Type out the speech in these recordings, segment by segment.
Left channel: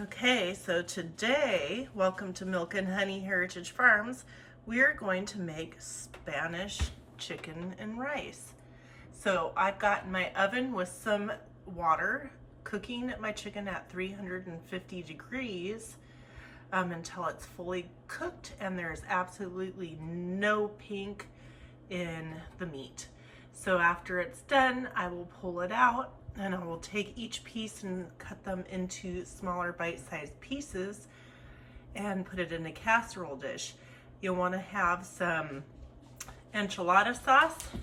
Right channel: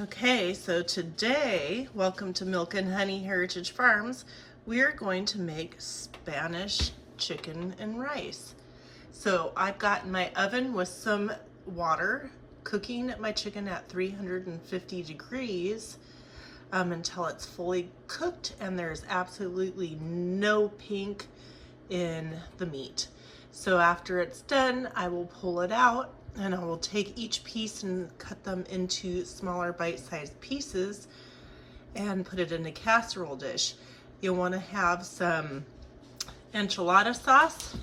Okay, so today, welcome to Milk and Honey Heritage Farms. We are going to make Spanish chicken and rice. So I've got in my oven with some water, cooking my chicken at 350 degrees until it's fully cooked and there's absolutely no pink in the meat. So after it's done, I will pull it out and I will take each piece and cut them into smaller bite-sized pieces and put it in a casserole dish. You'll want to have some enchilada sauce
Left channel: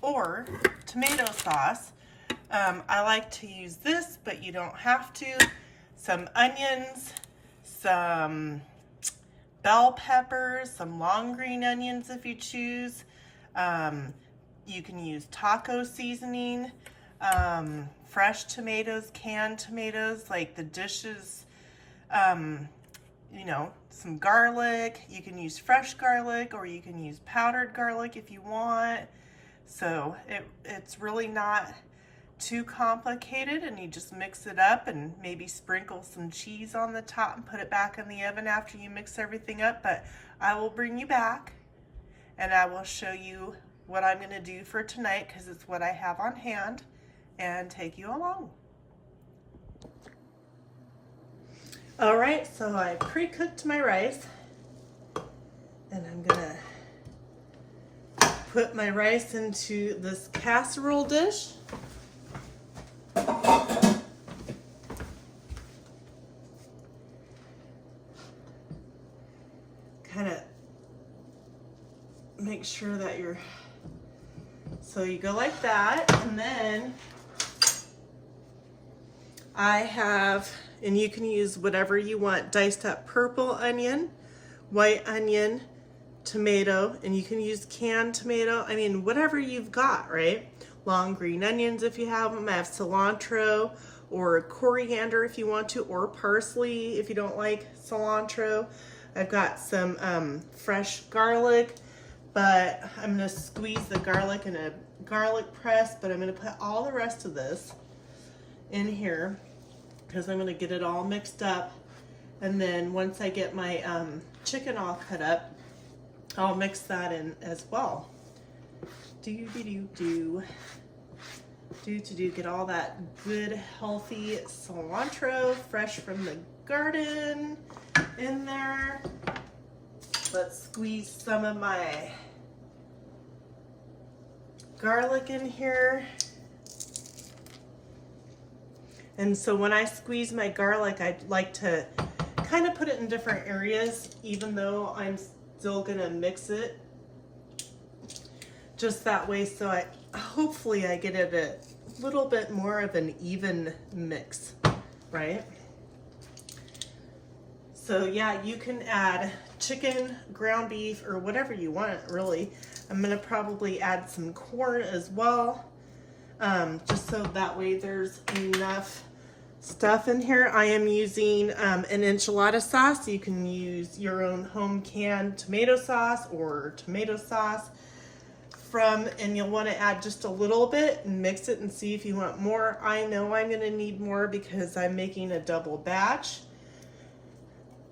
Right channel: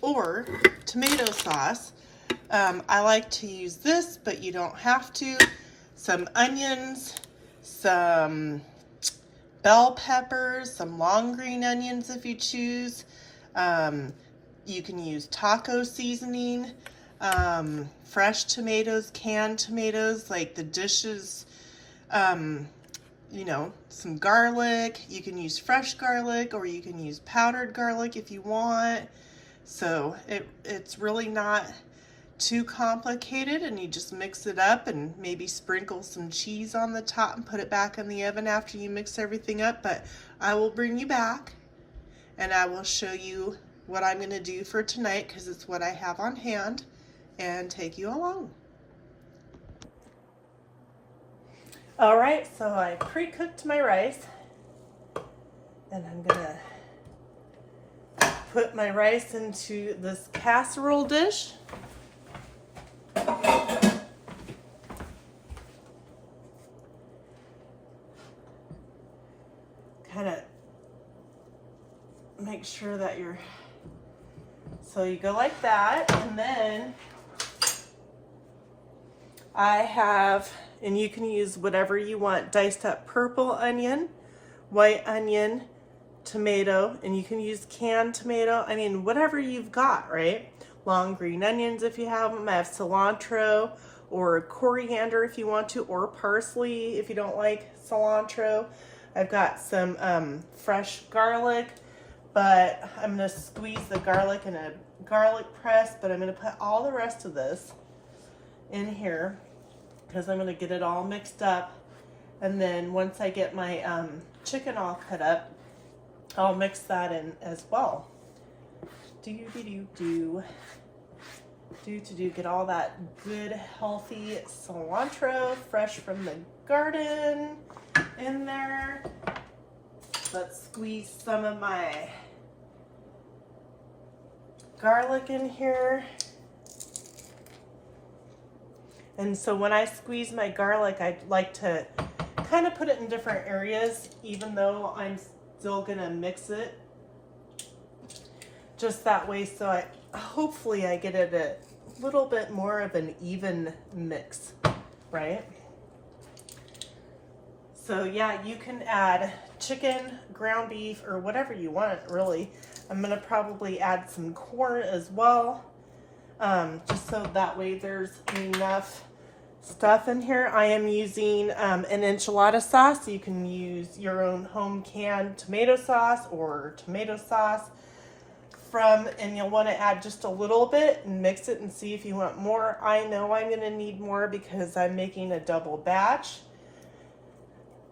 or tomato sauce. I like to use this, but you don't have to. Some onions, some bell peppers, some long green onions if you choose. You can use taco seasoning, fresh tomatoes, canned tomatoes, like the dishes, you know, some garlic. You can use fresh garlic or you can use powdered garlic if you want. So it's really not too complicated, and you just mix it up and maybe sprinkle some cheese on the top and put it back in the oven after you mix everything up. But I will bring you back and I will show you what I'm going to do for tonight because it's what I have on hand, and take you along. All right, so I pre-cooked my rice and I'm gonna put my rice into this casserole dish. Kind of make sure that so you go like that, and then I have, and you can use whatever you want, diced up purple onion, white onion, tomato, and you can use canned tomato. I mean, whatever you've got, right? Long green onions if you have them. I have cilantro or coriander if you want to, or parsley if you don't like cilantro. I've got some fresh garlic, but I'm gonna squeeze the garlic in a garlic press, but I'm gonna put all the rest of this in here because I'm gonna get it all mixed up. And then once I get my chicken all cut up, I'll mix that in as well. Get all that good, healthy cilantro, fresh from the garden, in there. Let's squeeze some of my garlic in here. And so when I squeeze my garlic, I like to kind of put it in different areas, even though I'm still gonna mix it. Just that way, so hopefully I get it a little bit more of an even mix, right? So yeah, you can add chicken, ground beef, or whatever you want, really. I'm gonna probably add some corn as well, just so that way there's enough stuff in here. I am using an enchilada sauce. You can use your own home canned tomato sauce or tomato sauce and you'll want to add just a little bit and mix it and see if you want more. I know I'm going to need more because I'm making a double batch.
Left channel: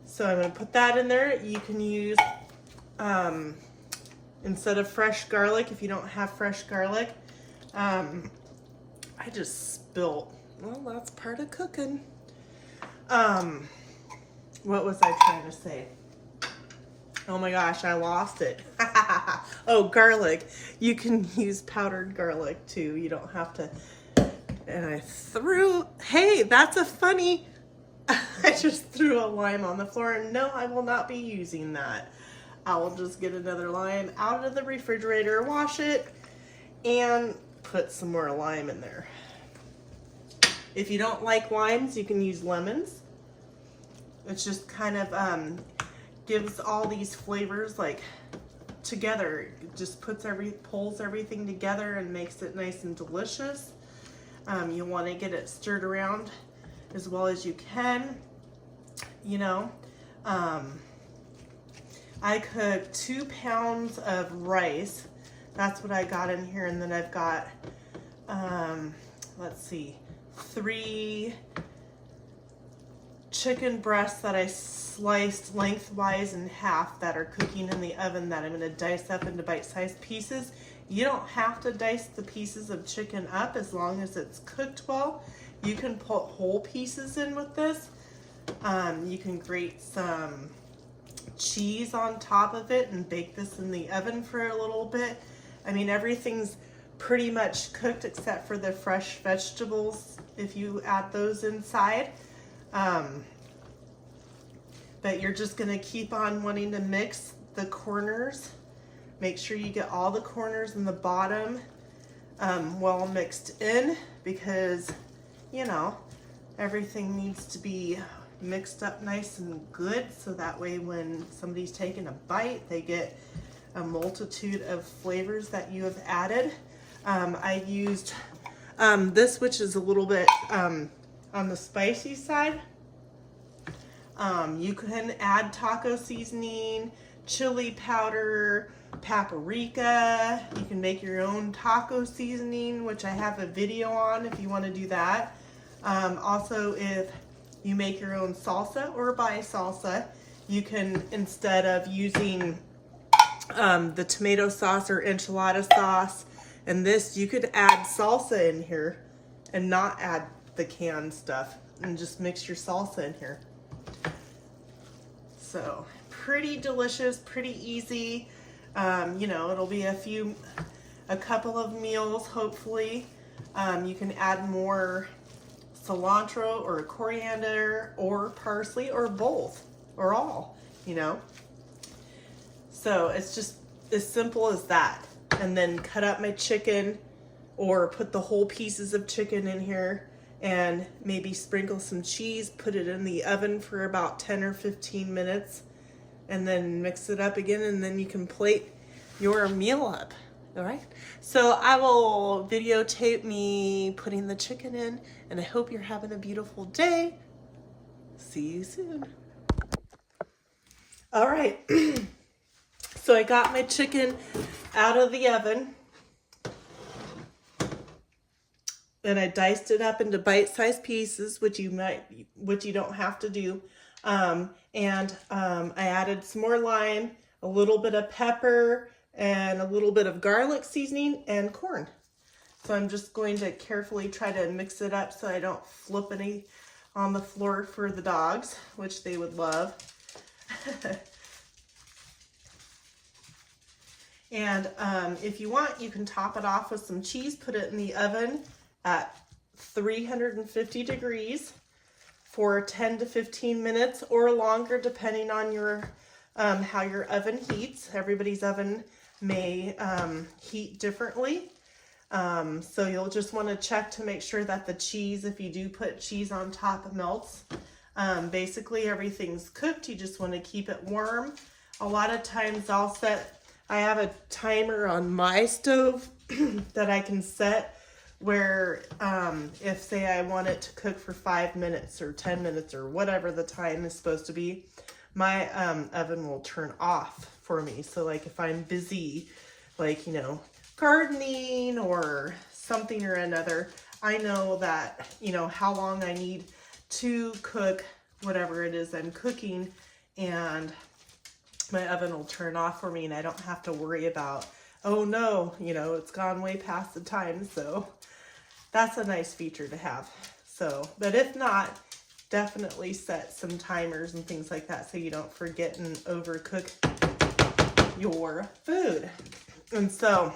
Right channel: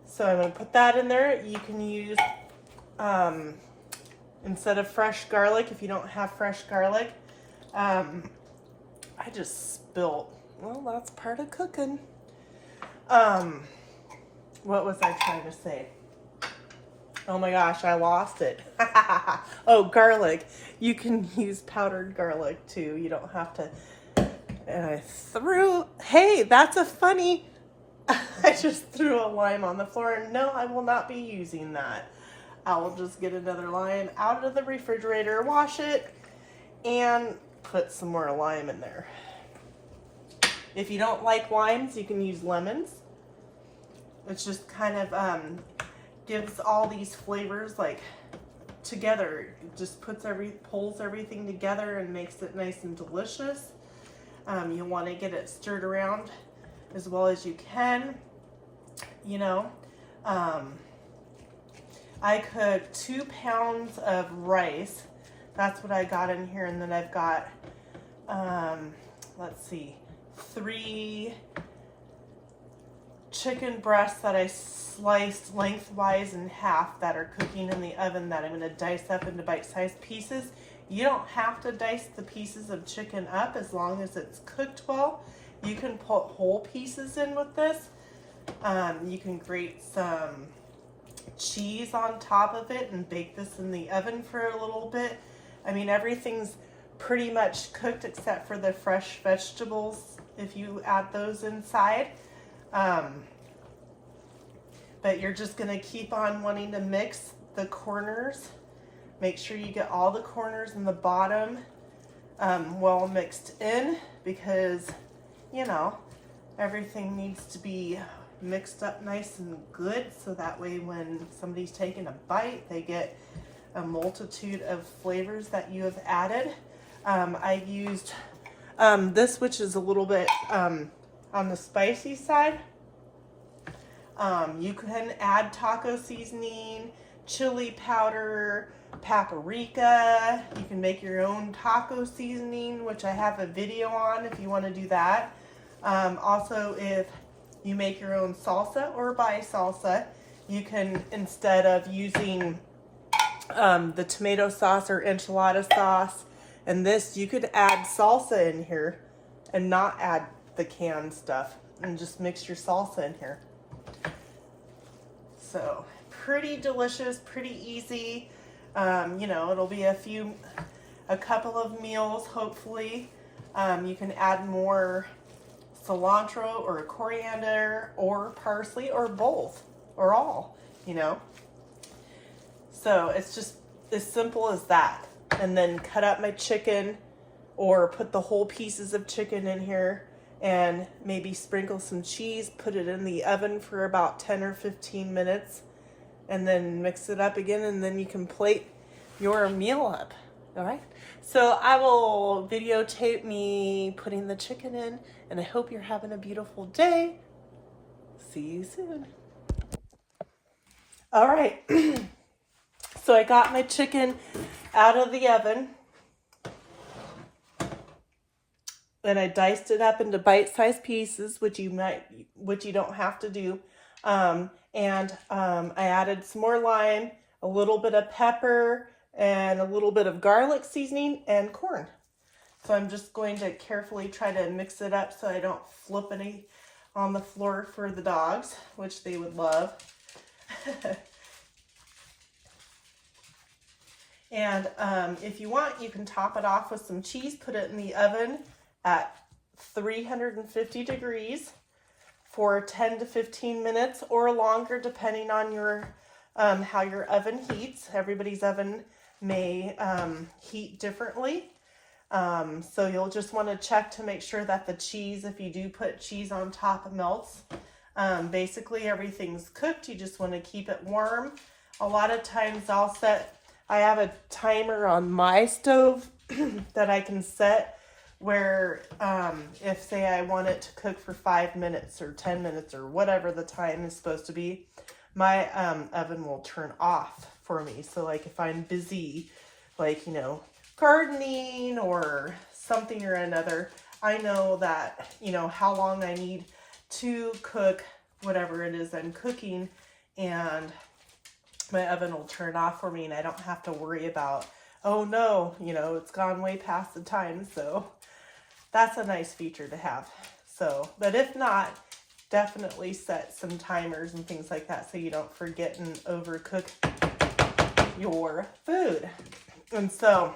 So I'm going to put that in there. You can use, instead of fresh garlic, if you don't have fresh garlic, I just spilled. Well, that's part of cooking. What was I trying to say? Oh my gosh, I lost it. Oh, garlic. You can use powdered garlic too. You don't have to. And hey, that's a funny. I just threw a lime on the floor. No, I will not be using that. I will just get another lime out of the refrigerator, wash it, and put some more lime in there. If you don't like limes, you can use lemons. It's just kind of gives all these flavors like together. It just pulls everything together and makes it nice and delicious. You want to get it stirred around as well as you can. You know, I cooked 2 pounds of rice. That's what I got in here, and then I've got let's see, 3 chicken breasts that I sliced lengthwise in half that are cooking in the oven that I'm going to dice up into bite-sized pieces. You don't have to dice the pieces of chicken up as long as it's cooked well. You can put whole pieces in with this. You can grate some cheese on top of it and bake this in the oven for a little bit. I mean, everything's pretty much cooked except for the fresh vegetables if you add those inside. But you're just gonna keep on wanting to mix the corners. Make sure you get all the corners and the bottom well mixed in, because, you know, everything needs to be mixed up nice and good, so that way when somebody's taking a bite, they get a multitude of flavors that you have added. I used this, which is a little bit on the spicy side. You can add taco seasoning, chili powder, paprika. You can make your own taco seasoning, which I have a video on if you want to do that. Also, if you make your own salsa or buy salsa, you can, instead of using the tomato sauce or enchilada sauce and this, you could add salsa in here and not add the canned stuff and just mix your salsa in here. So pretty delicious, pretty easy. You know, it'll be a couple of meals, hopefully. You can add more cilantro or coriander or parsley or both or all, you know. So it's just as simple as that. And then cut up my chicken or put the whole pieces of chicken in here and maybe sprinkle some cheese, put it in the oven for about 10 or 15 minutes and then mix it up again, and then you can plate your meal up. All right, so I will videotape me putting the chicken in, and I hope you're having a beautiful day. See you soon. All right, so I got my chicken out of the oven, and I diced it up into bite-sized pieces, which you don't have to do. I added some more lime, a little bit of pepper, and a little bit of garlic seasoning and corn. So I'm just going to carefully try to mix it up so I don't flip any on the floor for the dogs, which they would love. And if you want, you can top it off with some cheese, put it in the oven at 350 degrees for 10 to 15 minutes or longer, depending on your how your oven heats. Everybody's oven may heat differently. So you'll just want to check to make sure that the cheese, if you do put cheese on top, melts. Basically everything's cooked. You just want to keep it warm. A lot of times I have a timer on my stove that I can set where if say I want it to cook for 5 minutes or 10 minutes or whatever the time is supposed to be, my oven will turn off for me. So like if I'm busy, like, you know, gardening or something or another, I know that, you know, how long I need to cook whatever it is I'm cooking, and my oven will turn off for me and I don't have to worry about, oh no, you know, it's gone way past the time. So that's a nice feature to have. So, but if not, definitely set some timers and things like that so you don't forget and overcook your food. And so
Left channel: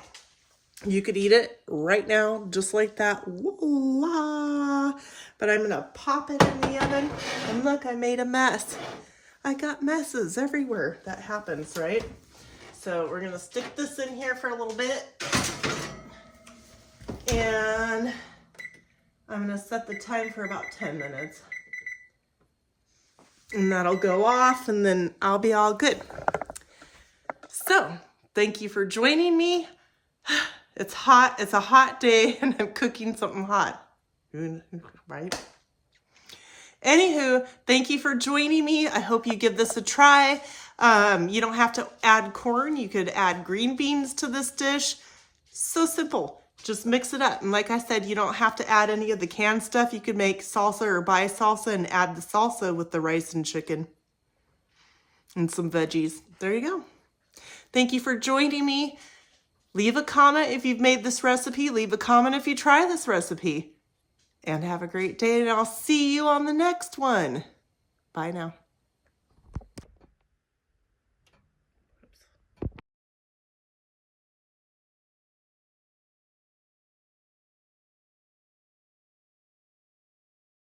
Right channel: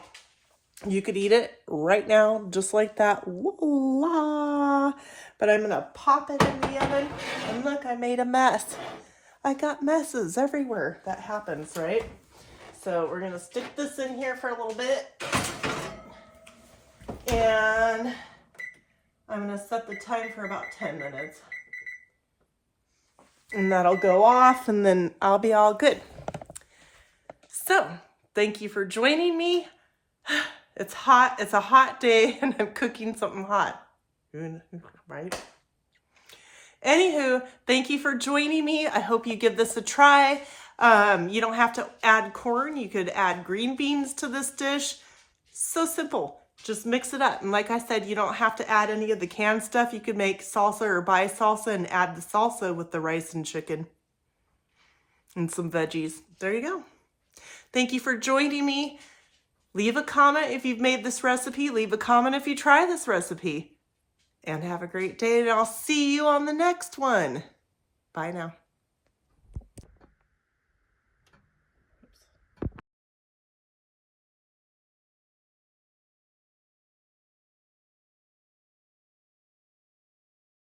you could eat it right now just like that. Voila! But I'm gonna pop it in the oven, and look, I made a mess. I got messes everywhere. That happens, right? So we're gonna stick this in here for a little bit, and I'm gonna set the time for about 10 minutes. And that'll go off, and then I'll be all good. So, thank you for joining me. It's hot. It's a hot day, and I'm cooking something hot. Right? Anywho, thank you for joining me. I hope you give this a try. You don't have to add corn. You could add green beans to this dish. So simple. Just mix it up. And like I said, you don't have to add any of the canned stuff. You could make salsa or buy salsa and add the salsa with the rice and chicken and some veggies. There you go. Thank you for joining me. Leave a comment if you've made this recipe. Leave a comment if you try this recipe. And have a great day, and I'll see you on the next one. Bye now.